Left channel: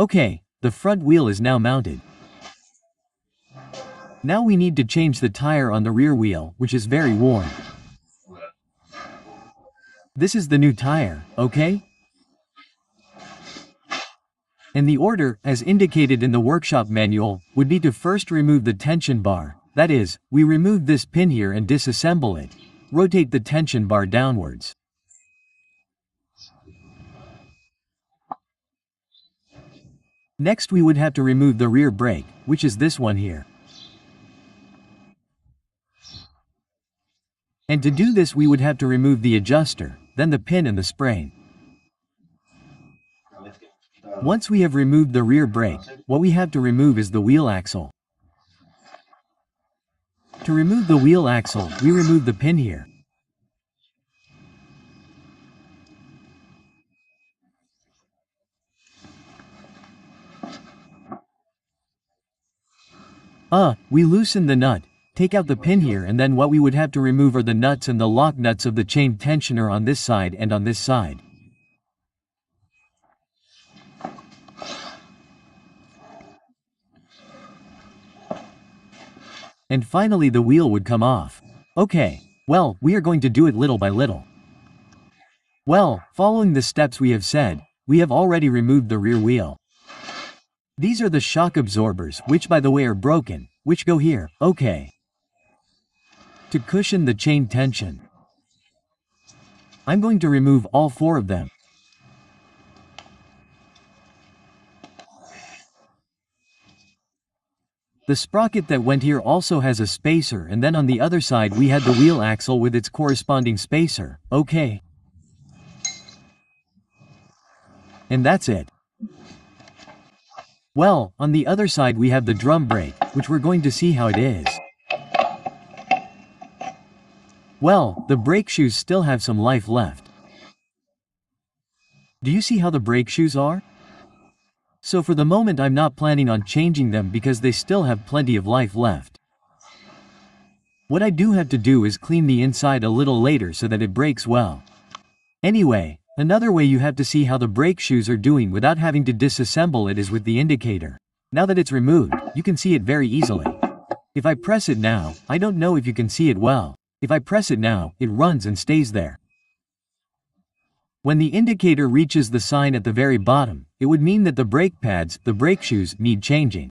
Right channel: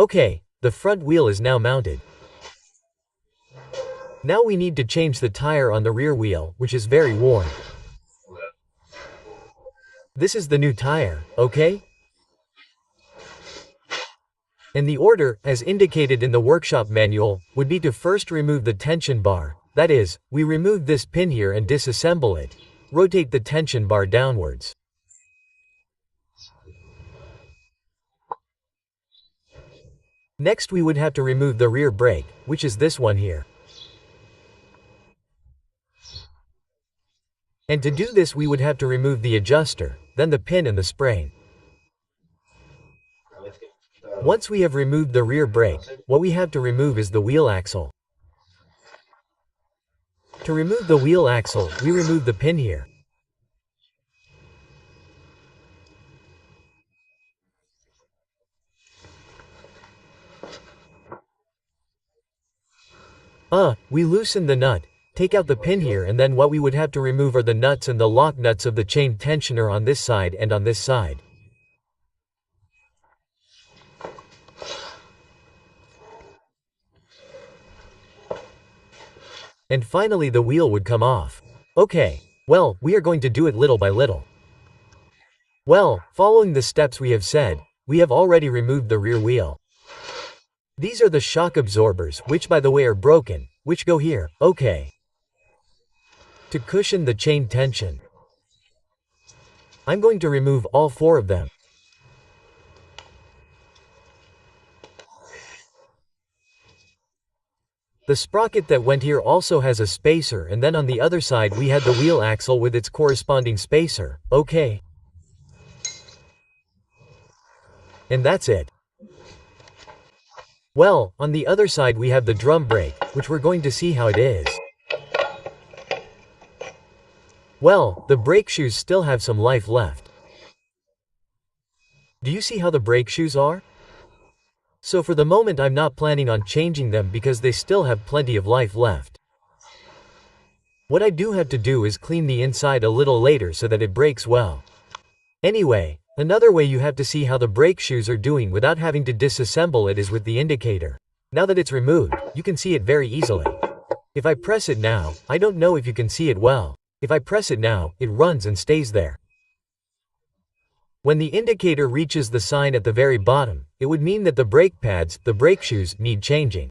Okay, the front wheel is now mounted. Now we need to change the tire on the rear wheel, which is very worn. This is the new tire, okay? And the order, as indicated in the workshop manual, would be to first remove the tension bar. That is, we remove this pin here and disassemble it. Rotate the tension bar downwards. Next we would have to remove the rear brake, which is this one here. And to do this we would have to remove the adjuster, then the pin and the spring. Once we have removed the rear brake, what we have to remove is the wheel axle. To remove the wheel axle, we remove the pin here. We loosen the nut, take out the pin here, and then what we would have to remove are the nuts and the lock nuts of the chain tensioner on this side and on this side. And finally the wheel would come off. Okay, well, we are going to do it little by little. Well, following the steps we have said, we have already removed the rear wheel. These are the shock absorbers, which by the way are broken, which go here, okay. To cushion the chain tension, I'm going to remove all 4 of them. The sprocket that went here also has a spacer, and then on the other side we had the wheel axle with its corresponding spacer, okay. And that's it. Well, on the other side we have the drum brake, which we're going to see how it is. Well, the brake shoes still have some life left. Do you see how the brake shoes are? So for the moment I'm not planning on changing them because they still have plenty of life left. What I do have to do is clean the inside a little later so that it brakes well. Anyway, another way you have to see how the brake shoes are doing without having to disassemble it is with the indicator. Now that it's removed, you can see it very easily. If I press it now, I don't know if you can see it well. If I press it now, it runs and stays there. When the indicator reaches the sign at the very bottom, it would mean that the brake pads, the brake shoes, need changing.